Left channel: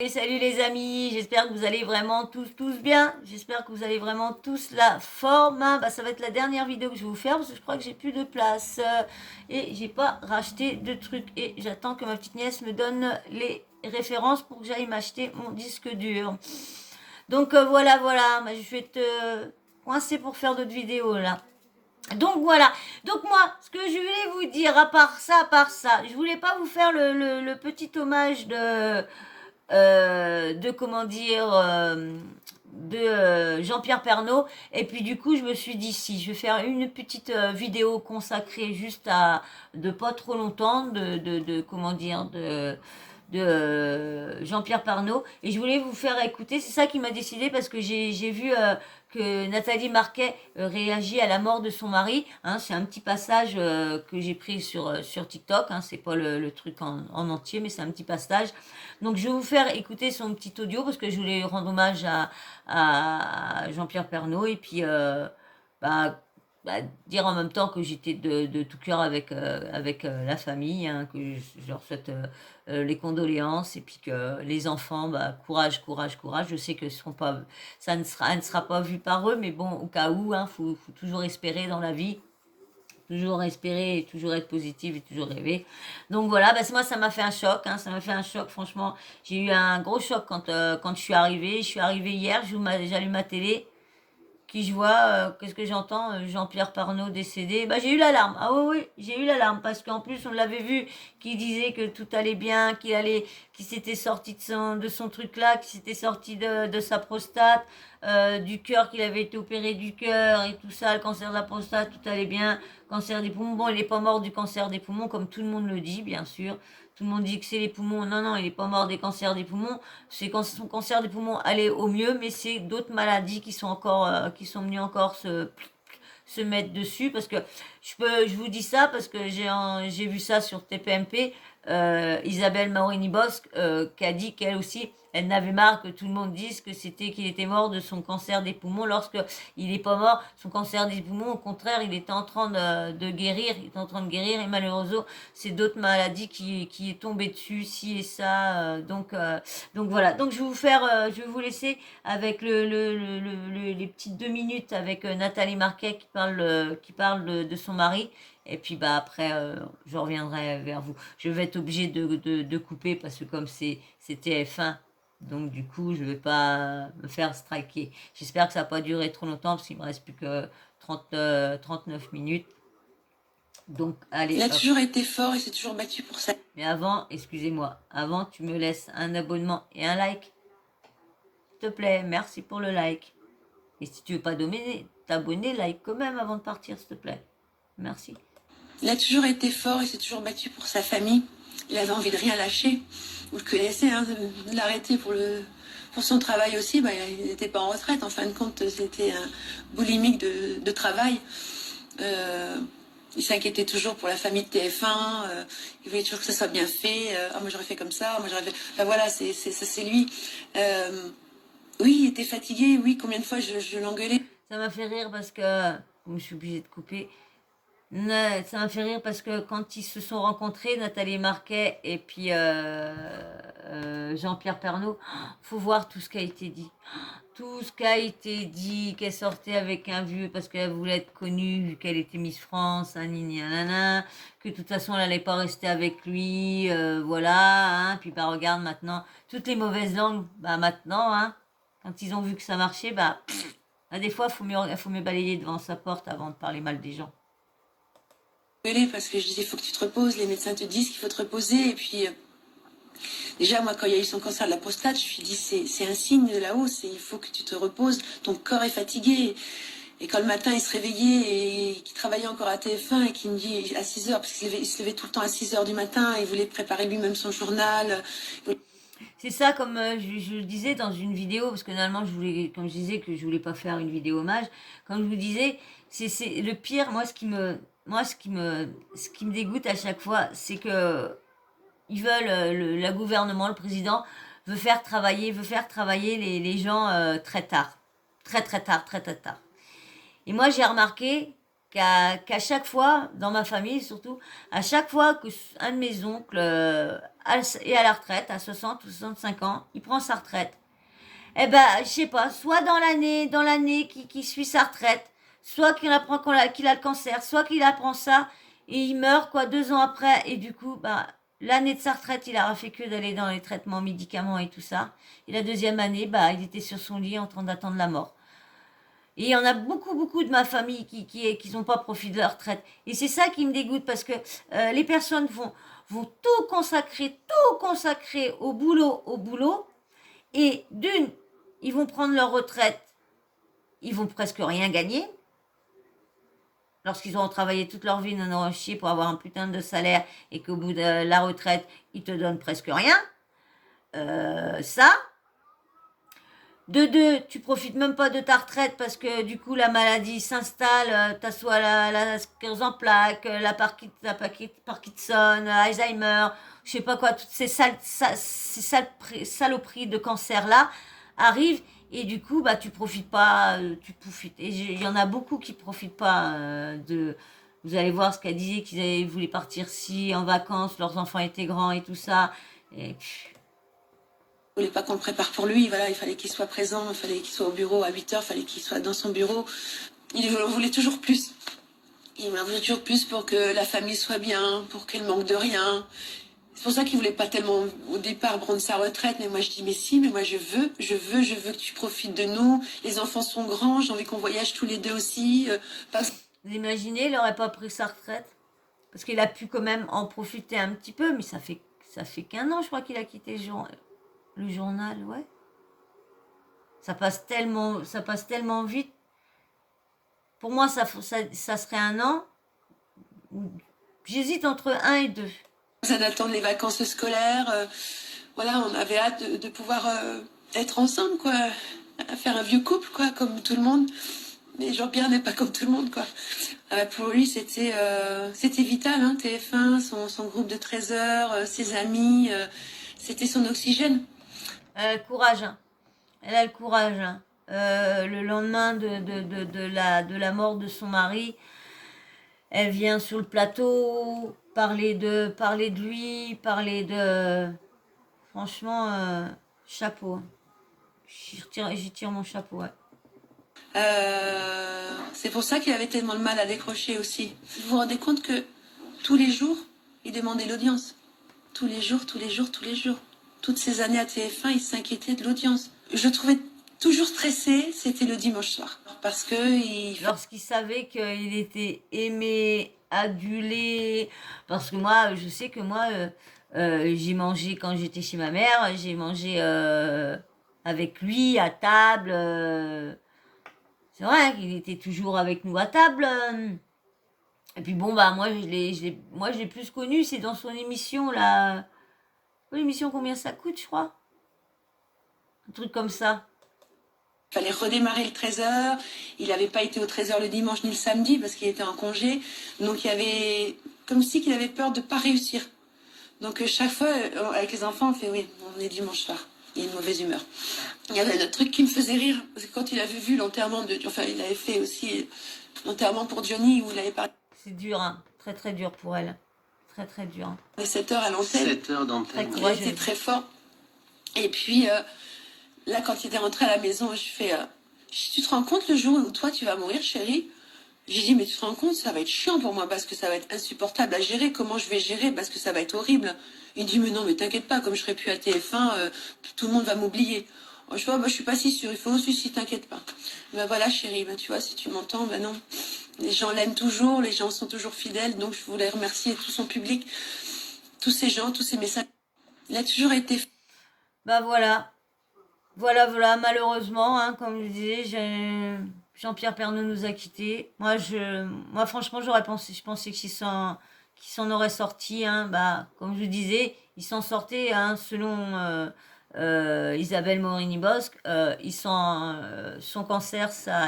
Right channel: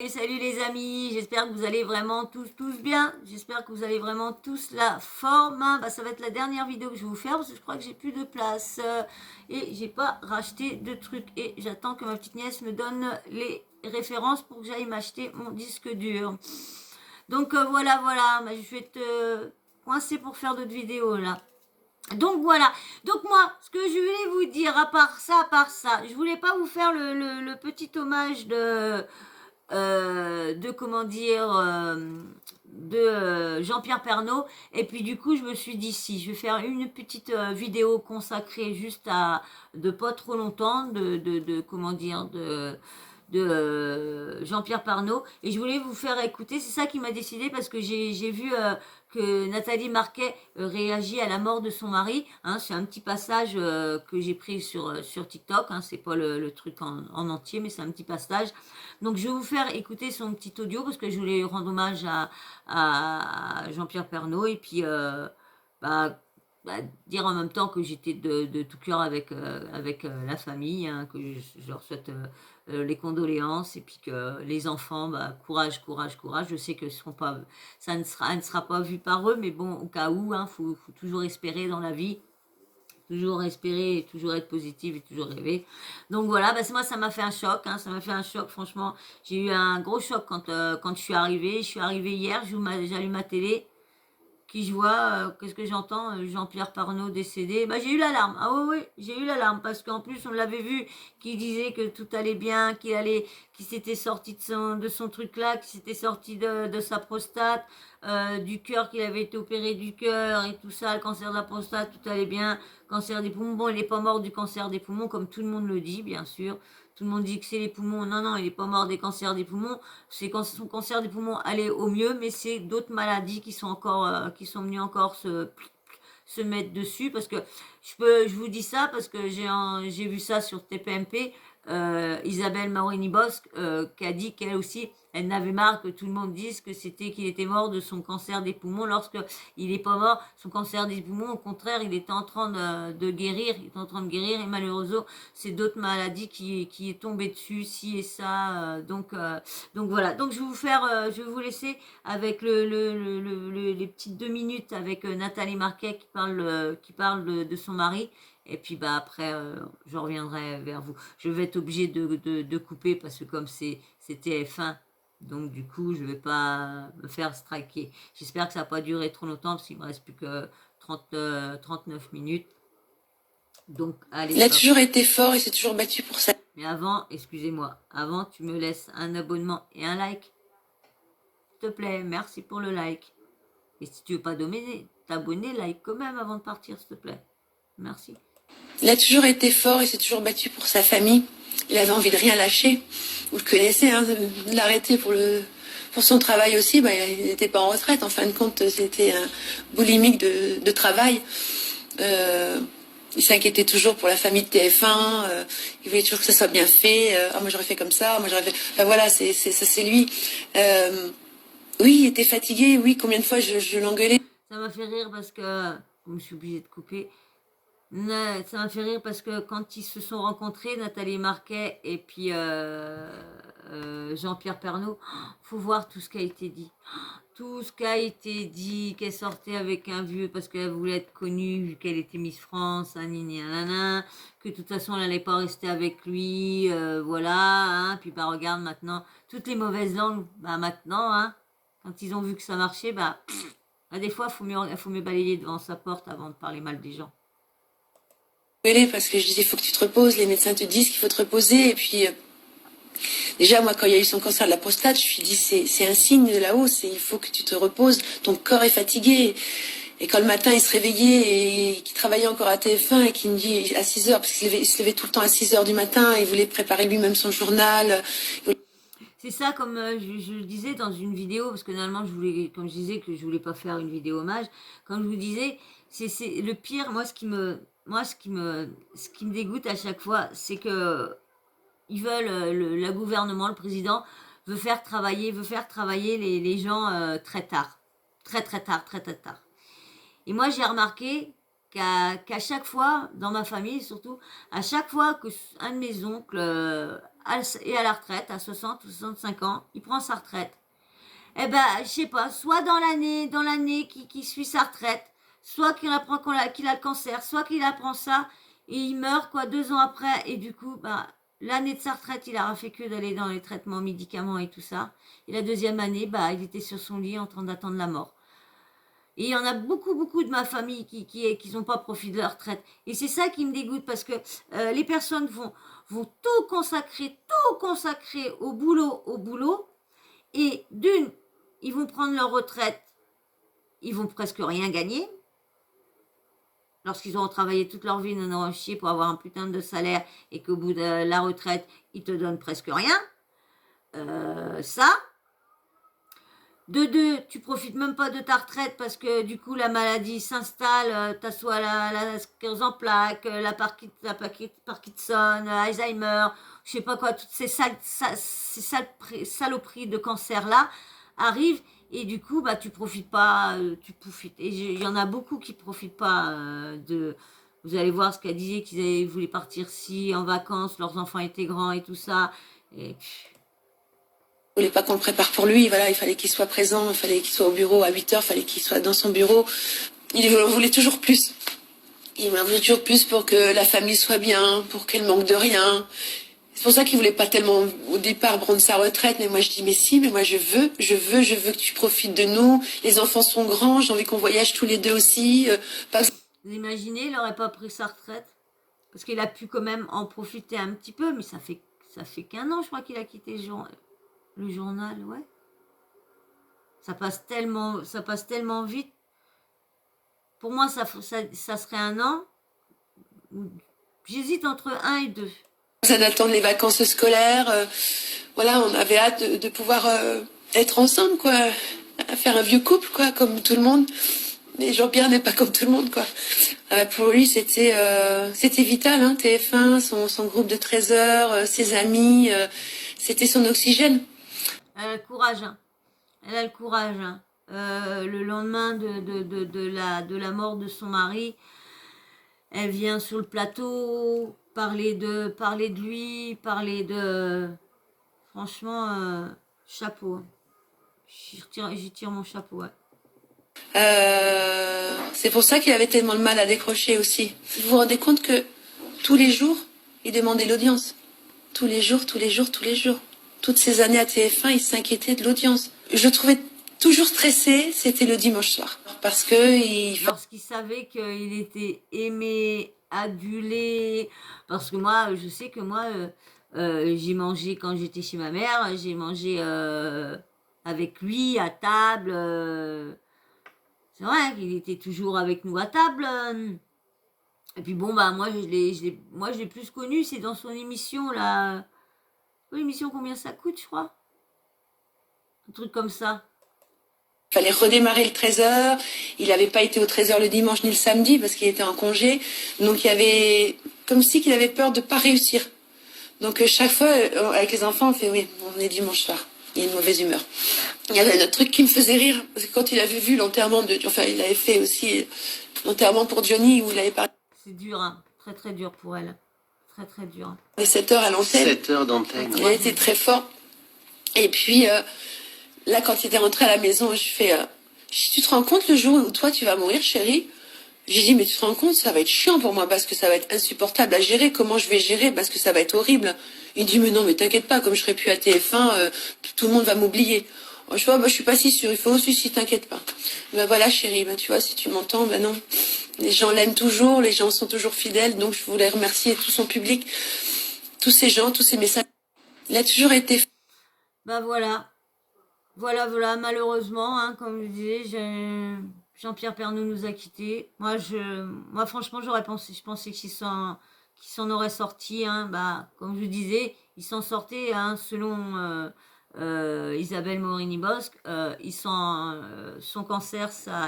Et salut les amis, j'espère que vous allez vraiment tous bien. J'espère que vous allez vraiment tous la forme, hein. Ça va être la dernière vidéo que je vais vous faire parce que je crois que j'ai plus de place et j'ai pas racheté de trucs et j'attends que ma petite nièce me donne les références pour que j'aille m'acheter mon disque dur. Donc voilà, je vais être coincée pour faire d'autres vidéos là. Donc voilà, donc moi, ce que je voulais vous dire, à part ça, je voulais pas vous faire le petit hommage de comment dire, de Jean-Pierre Pernaut. Et puis du coup, je me suis dit, si, je vais faire une petite vidéo consacrée juste à, de pas trop longtemps, de comment dire, de Jean-Pierre Pernaut. Et je voulais vous faire écouter, c'est ça qui m'a décidé parce que j'ai vu que Nathalie Marquet réagit à la mort de son mari. Hein, c'est un petit passage que j'ai pris sur TikTok. Hein, c'est pas le truc en entier, mais c'est un petit passage. Donc je vais vous faire écouter son petit audio parce que je voulais rendre hommage à Jean-Pierre Pernaut et puis bah, dire en même temps que j'étais de tout cœur avec la famille, hein, que je leur souhaite les condoléances et puis que les enfants, courage. Je sais que ce seront pas, elle ne sera pas vu par eux, mais bon, au cas où, hein, faut toujours espérer dans la vie. Toujours espérer, et toujours être positive et toujours rêver. Donc voilà, moi ça m'a fait un choc, hein, ça m'a fait un choc, franchement. J'ai eu un gros choc quand je suis arrivée. Je suis arrivée hier, j'allume ma télé, qui je vois, qu'est-ce que j'entends, Jean-Pierre Pernaut décédé. J'ai eu l'alarme. Ah oui, j'ai eu l'alarme parce qu'en plus on l'avait vu qui disait que tout allait bien, qu'il s'était sorti de son truc là, qu'il s'était sorti de sa prostate, du cœur, qu'il avait été opéré du cœur et tout ça, le cancer de la prostate, tout allait bien, cancer des poumons. Bon, il n'est pas mort du cancer des poumons comme tout le monde le dit, bien sûr. Tout le monde dit que c'est les poumons. Non, il n'est pas mort des cancers des poumons. C'est quand son cancer des poumons allait au mieux, mais c'est d'autres maladies qui sont encore, qui sont venues encore se mettre dessus. Parce que je vous dis ça parce que j'ai vu ça sur TPMP. Isabelle Mauriny-Bosque qui a dit qu'elle aussi, elle n'avait marre que tout le monde dise qu'il était mort de son cancer des poumons lorsque il n'est pas mort. Son cancer des poumons, au contraire, il était en train de guérir. Il était en train de guérir et malheureusement, c'est d'autres maladies qui est tombé dessus, ci et ça. Donc voilà. Donc je vais vous laisser avec les petites 2 minutes avec Nathalie Marquet qui parle de son mari. Et puis après, je reviendrai vers vous. Je vais être obligée de couper parce que comme c'est TF1, donc du coup, je vais pas me faire striker. J'espère que ça va pas durer trop longtemps parce qu'il me reste plus que 39 minutes. Donc allez, Il a hop. toujours été fort et s'est toujours battu pour ça. Mais avant, excusez-moi, avant tu me laisses un abonnement et un like. S'il te plaît, merci pour le like. Et si tu veux pas t'abonner, like quand même avant de partir, s'il te plaît. Merci. Il a toujours été fort et s'est toujours battu pour sa famille. Il avait envie de rien lâcher. Vous le connaissez, hein, de l'arrêter pour son travail aussi. Il n'était pas en retraite. En fin de compte, c'était un boulimique de travail. Il s'inquiétait toujours pour la famille de TF1. Il voulait toujours que ça soit bien fait. Moi j'aurais fait comme ça. Moi j'aurais fait. Voilà, c'est lui. Oui, il était fatigué. Oui, combien de fois je l'engueulais. Ça m'a fait rire parce que, comme je suis obligée de couper, ça m'a fait rire parce que quand ils se sont rencontrés, Nathalie Marquet et puis Jean-Pierre Pernaut, faut voir tout ce qui a été dit. Tout ce qui a été dit, qu'elle sortait avec un vieux parce qu'elle voulait être connue, vu qu'elle était Miss France, nanana, que de toute façon elle n'allait pas rester avec lui, voilà, hein, puis regarde maintenant, toutes les mauvaises langues, maintenant, hein, quand ils ont vu que ça marchait, des fois, faut mieux balayer devant sa porte avant de parler mal des gens. Parce que je disais, il faut que tu te reposes. Les médecins te disent qu'il faut te reposer. Et puis, déjà, moi, quand il y a eu son cancer de la prostate, je me suis dit, c'est un signe de là-haut. Il faut que tu te reposes. Ton corps est fatigué. Et quand le matin, il se réveillait et qu'il travaillait encore à TF1 et qu'il me dit à 6 heures, parce qu'il se levait tout le temps à 6 heures du matin, il voulait préparer lui-même son journal. C'est ça, comme je le disais dans une vidéo, parce que normalement, comme je disais que je voulais pas faire une vidéo hommage, comme je vous disais, c'est le pire, ce qui me dégoûte à chaque fois, c'est que ils veulent, le gouvernement, le président, veut faire travailler les gens très tard. Très, très tard, très, très tard. Et moi, j'ai remarqué qu'à chaque fois, dans ma famille surtout, à chaque fois que un de mes oncles est à la retraite, à 60 ou 65 ans, il prend sa retraite. Eh ben, je sais pas, soit dans l'année qui suit sa retraite, soit qu'il apprend qu'il a le cancer, soit qu'il apprend ça et il meurt quoi 2 ans après et du coup, bah l'année de sa retraite, il aura fait que d'aller dans les traitements, médicaments et tout ça. Et la deuxième année, bah il était sur son lit en train d'attendre la mort. Et il y en a beaucoup, beaucoup de ma famille qui n'ont pas profité de leur retraite. Et c'est ça qui me dégoûte parce que les personnes vont tout consacrer au boulot. Et d'une, ils vont prendre leur retraite, ils vont presque rien gagner. Lorsqu'ils auront travaillé toute leur vie, n'en auront chier pour avoir un putain de salaire et qu'au bout de la retraite, ils te donnent presque rien. Ça. De deux, tu profites même pas de ta retraite parce que du coup la maladie s'installe, t'as soit la sclérose en plaques, la Parkinson, Alzheimer, je sais pas quoi, toutes ces saloperies de cancer là arrivent et du coup bah tu profites pas, tu profites. Et il y en a beaucoup qui profitent pas de. Vous allez voir ce qu'elle disait qu'ils voulaient partir si en vacances, leurs enfants étaient grands et tout ça. Et Il voulait pas qu'on le prépare pour lui, voilà, il fallait qu'il soit présent, il fallait qu'il soit au bureau à 8 heures, il fallait qu'il soit dans son bureau. Il voulait toujours plus. Il voulait toujours plus pour que la famille soit bien, pour qu'elle manque de rien. C'est pour ça qu'il voulait pas tellement au départ prendre sa retraite, mais moi je dis mais si, mais moi je veux que tu profites de nous. Les enfants sont grands, j'ai envie qu'on voyage tous les deux aussi. Vous imaginez, il n'aurait pas pris sa retraite parce qu'il a pu quand même en profiter un petit peu, mais ça fait qu'un an, je crois qu'il a quitté le journal, ouais. Ça passe tellement vite. Pour moi, ça serait un an. J'hésite entre 1 et 2. Ça d'attendre les vacances scolaires. Voilà, on avait hâte de pouvoir être ensemble, quoi. Faire un vieux couple, quoi, comme tout le monde. Mais Jean-Pierre n'est pas comme tout le monde, quoi. Pour lui, c'était vital, hein, TF1, son groupe de 13 heures, ses amis, c'était son oxygène. Courage, hein. Elle a le courage, hein. Le lendemain de la mort de son mari, elle vient sur le plateau parler de lui, parler de... Franchement, chapeau, hein. J'y tire mon chapeau, ouais. C'est pour ça qu'il avait tellement de mal à décrocher aussi. Vous vous rendez compte que tous les jours, il demandait l'audience. Tous les jours, tous les jours, tous les jours. Toutes ces années à TF1, il s'inquiétait de l'audience. Je le trouvais toujours stressé, c'était le dimanche soir. Parce que lorsqu'il savait qu'il était aimé, adulé, parce que moi, je sais que moi, j'ai mangé quand j'étais chez ma mère, j'ai mangé avec lui à table. C'est vrai qu'il était toujours avec nous à table. Et puis bon, bah moi, je l'ai plus connu, c'est dans son émission, là. L'émission, combien ça coûte, je crois? Un truc comme ça. Il fallait redémarrer le 13h. Il n'avait pas été au 13h le dimanche ni le samedi parce qu'il était en congé. Donc il y avait comme si qu'il avait peur de ne pas réussir. Donc chaque fois, avec les enfants, on fait oui, on est dimanche soir. Il y a une mauvaise humeur. Il y avait un truc qui me faisait rire. Parce que quand il avait vu l'enterrement de... Enfin, il avait fait aussi l'enterrement pour Johnny où il avait parlé... C'est dur, hein. Très très dur pour elle. Très très dur. Les 7 heures à l'antenne. 7 heures d'antenne. Il a été très fort. Et puis... là, quand il était rentré à la maison, je fais tu te rends compte le jour où toi tu vas mourir, chérie? J'ai dit mais tu te rends compte, ça va être chiant pour moi parce que ça va être insupportable à gérer. Comment je vais gérer parce que ça va être horrible. Il dit mais non, mais t'inquiète pas, comme je serai plus à TF1, tout le monde va m'oublier. Je vois, je suis pas si sûre. Il faut aussi si t'inquiète pas. Ben voilà, chérie, ben tu vois, si tu m'entends, ben non. Les gens l'aiment toujours, les gens sont toujours fidèles. Donc je voulais remercier tout son public, tous ces gens, tous ces messages. Il a toujours été. Bah voilà. Voilà, malheureusement, hein, comme je disais, Jean-Pierre Pernaut nous a quittés. Moi franchement, je pensais qu'il s'en aurait sorti, hein, bah, comme je disais, il s'en sortait, hein, selon Isabelle Morini-Bosque, son cancer, ça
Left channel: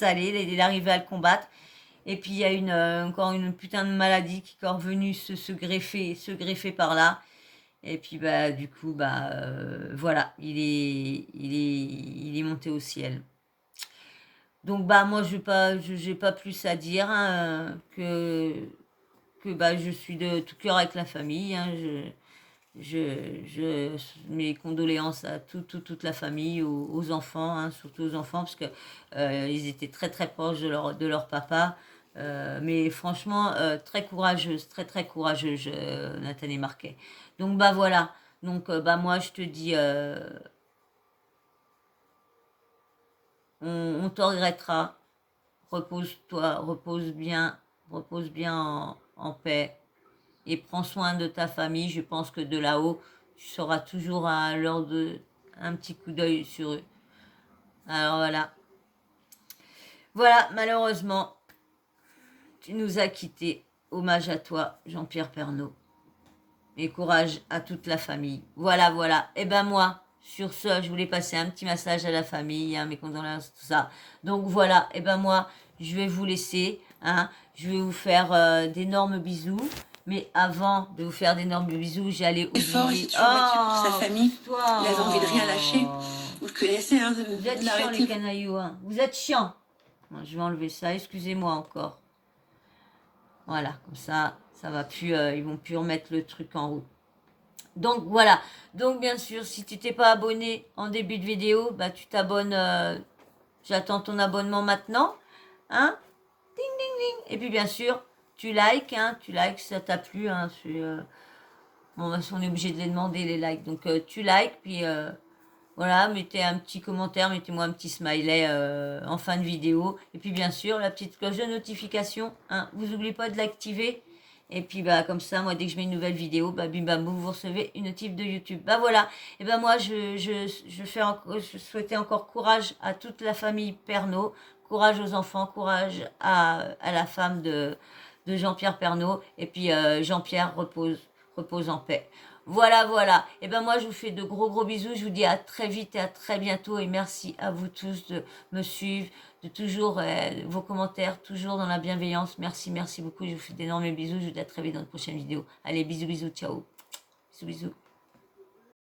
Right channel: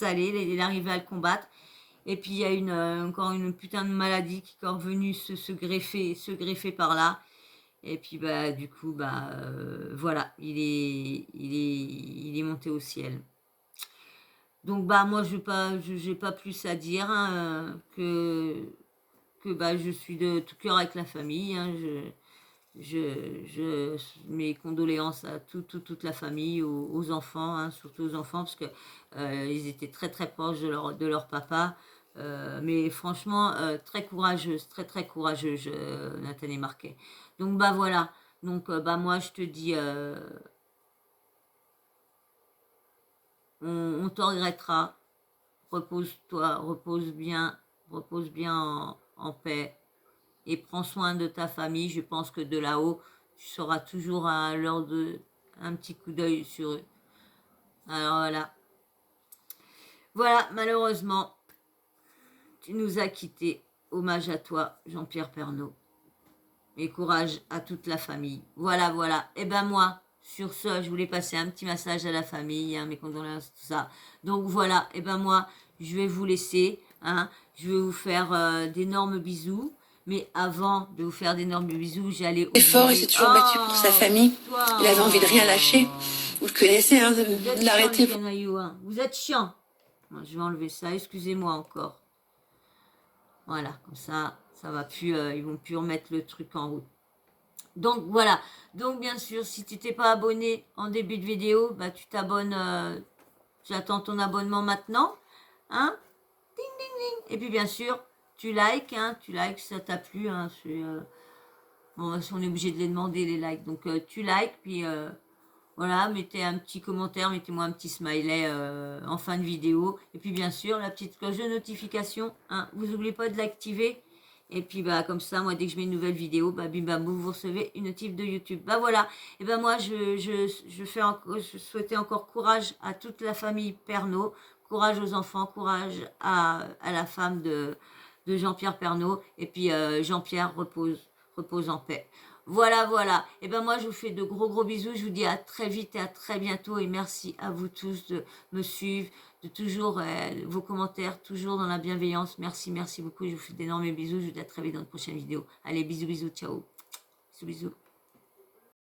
allait, il arrivait à le combattre. Et puis il y a encore une putain de maladie qui est revenue se greffer par là. Et puis bah du coup voilà, il est monté au ciel. Donc bah moi j'ai pas plus à dire hein, que bah je suis de tout cœur avec la famille. Hein, mes condoléances à toute la famille, aux enfants, hein, surtout aux enfants, parce que ils étaient très très proches de leur papa. Mais franchement, très courageuse, très très courageuse, Nathalie Marquet. Donc bah voilà. Donc bah moi je te dis, on te regrettera. Repose-toi, repose bien en paix et prends soin de ta famille. Je pense que de là-haut, tu seras toujours à l'heure de un petit coup d'œil sur eux. Alors voilà. Voilà, malheureusement, tu nous as quittés. Hommage à toi, Jean-Pierre Pernaut. Et courage à toute la famille. Voilà, voilà. Et ben moi, sur ce, je voulais passer un petit message à la famille, hein, mes condoléances, tout ça. Donc voilà, et ben moi, je vais vous laisser. Hein, je vais vous faire d'énormes bisous. Mais avant de vous faire d'énormes bisous, j'allais Il est fort, il oublier. s'est toujours battu pour sa famille. Toi. Il avait envie de rien lâcher. Vous le connaissez, hein, Vous êtes de chiant, les l'arrêter. canailloux. Hein. Vous êtes chiant. Bon, je vais enlever ça. Excusez-moi encore. Voilà, comme ça va plus. Ils vont plus remettre le truc en route. Donc voilà, donc bien sûr, si tu t'es pas abonné en début de vidéo, bah tu t'abonnes, j'attends ton abonnement maintenant, hein, ding ding ding, et puis bien sûr, tu likes, hein, tu likes, ça t'a plu, hein, bon, bah, on est obligé de les demander les likes, donc tu likes, puis voilà, mettez un petit commentaire, mettez-moi un petit smiley en fin de vidéo, et puis bien sûr, la petite cloche de notification, hein, vous n'oubliez pas de l'activer. Et puis bah comme ça, moi dès que je mets une nouvelle vidéo, bah bim bam boum, vous recevez une notif de YouTube. Bah voilà. Et ben moi je souhaitais encore courage à toute la famille Pernaut, courage aux enfants, courage à la femme de Jean-Pierre Pernaut. Et puis Jean-Pierre repose en paix. Voilà, voilà. Et ben moi je vous fais de gros bisous. Je vous dis à très vite et à très bientôt. Et merci à vous tous de me suivre, de toujours vos commentaires, toujours dans la bienveillance. Merci, merci beaucoup. Je vous fais d'énormes bisous. Je vous dis à très vite dans une prochaine vidéo. Allez, bisous, bisous, ciao. Bisous, bisous.